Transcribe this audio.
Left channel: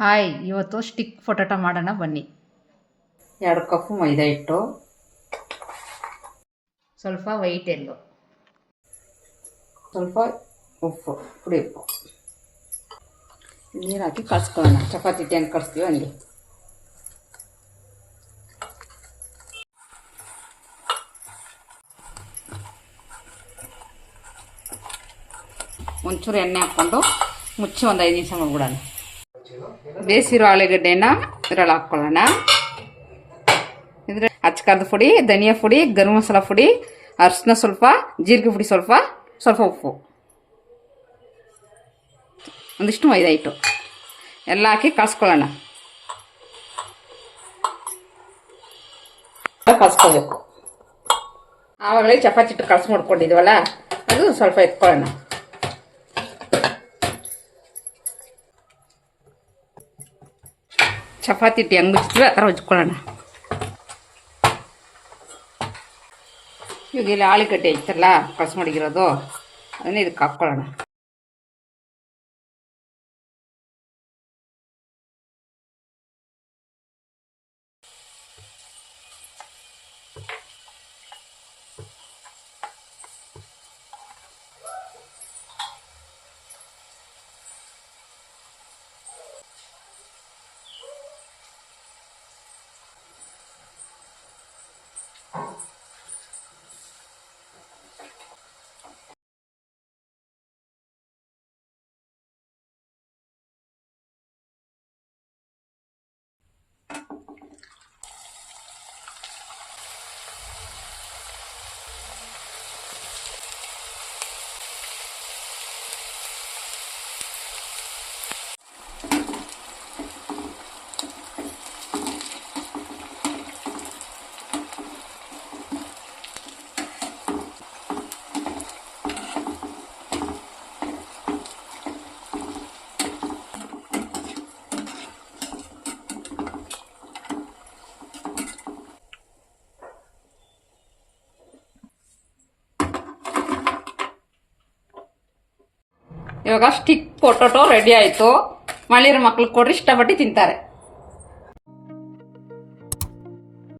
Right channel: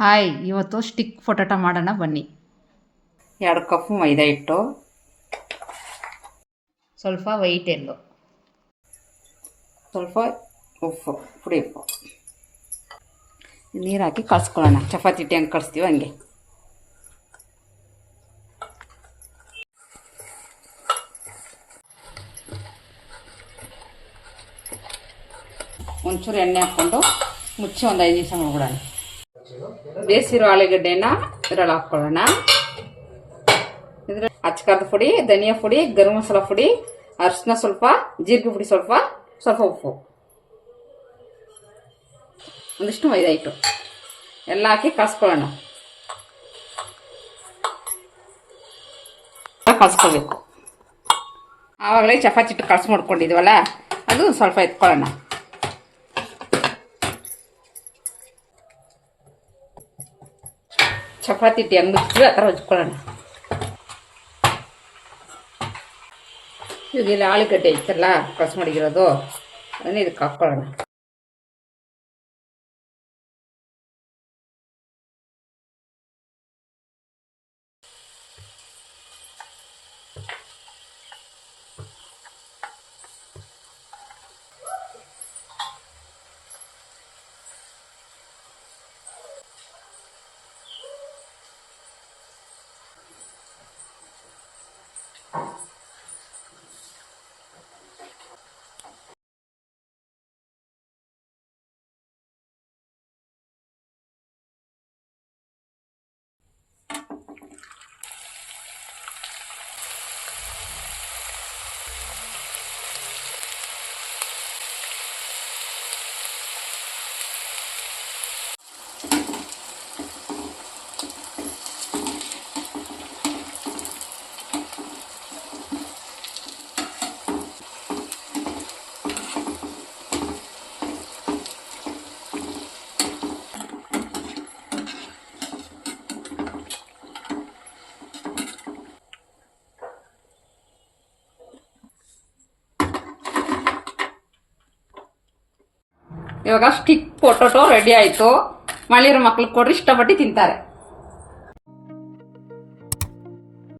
Hi, ಇವತ್ತು stick potato ಮಾಡೋಣ ಬನ್ನಿ. 2 ಕಪ್ ಮೈದಾ ಹಿಟ್ಟು, ಸ್ವಲ್ಪ ವೈಟ್ ಎಲ್ಲು, ಸ್ವಲ್ಪ ಉಪ್ಪು, ಪುಡಿ ಉಪ್ಪು, ನೀರು ಹಾಕಿ ಕಳ್ಸ್ಕೊಳ್ಳೋಣ. ಚಪಾತಿ ಹಿಟ್ಟು ಹೆಂಗೆ ಕಳಿಸ್ತೀವಿ ಹಂಗೆ. ಒಂಚೂರು ಎಣ್ಣೆ ಹಾಕ್ಕೊಂಡು ಮುಚ್ಚಿ ಒಂದು 5 ನಿಮಿಷ ಮಾಡ್ಬಿಡೋಣ. ಬೇಸಿರೋ ಆಲೂಗಡ್ಡೆನ ಇದ್ರಲ್ಲಿ ಹಾಕ್ಕೊಳ್ಳೋಣ. ಇದ್ರೆ ಅಚ್ಕಾರದ ಪುಡಿ, ಧನಿಯಾ ಪುಡಿ, ಗರಂ ಮಸಾಲ ಪುಡಿ, ಅರಿಶಿನ ಸ್ವಲ್ಪ, ಜೀರಿಗೆ ಪುಡಿ ಸ್ವಲ್ಪ, ಸ್ವಲ್ಪ ಉಪ್ಪು, ಒಂದಿಷ್ಟು ಮೈದಾ ಹಿಟ್ಟು ಎಲ್ಲ ಹಾಕಿ ಕಳ್ಸ್ಕೊಳ್ಳೋಣ. ಕಳ್ಸ್ಕೋಬೇಕು. ಆವಾಗಲೇ ಚಪಾತಿ ಹಿಟ್ಟು ಕಳ್ಸಿ ಮಾಡ್ಕೊಂಡಿದ್ದೀವಲ್ಲ, ಅದು ಸ್ವಲ್ಪ ಎತ್ಕೊಳ್ಳೋಣ. ಚಪಾತಿ ಹಿಟ್ಟು ಹೆಂಗೆ ಮುಚ್ಚಿದ್ರೆ ಆ ಥರ ಉಜ್ಕೊಳ್ಳೋಣ. ಇವಾಗ ಇಲ್ಲಿ ಆಲೂಗಡ್ಡೆ ಐತಲ್ಲ ಕಳ್ಸಿ ಮಾಡಿಗಿರೋದು, ಅದನ್ನೇ ಇದಕ್ಕೆ ಹಾಕ್ಕೊಳ್ಳೋಣ. ಇವಾಗ ಸ್ಟಿಕ್ ಪೊಟಾಟೊ ರೆಡಿ ಆಯಿತು. ಮಳೆಯಿರೋ ಮಕ್ಳಿಗೆ ಕೊಡ್ರಿ, ಇಷ್ಟಪಟ್ಟು ತಿಂತಾರೆ.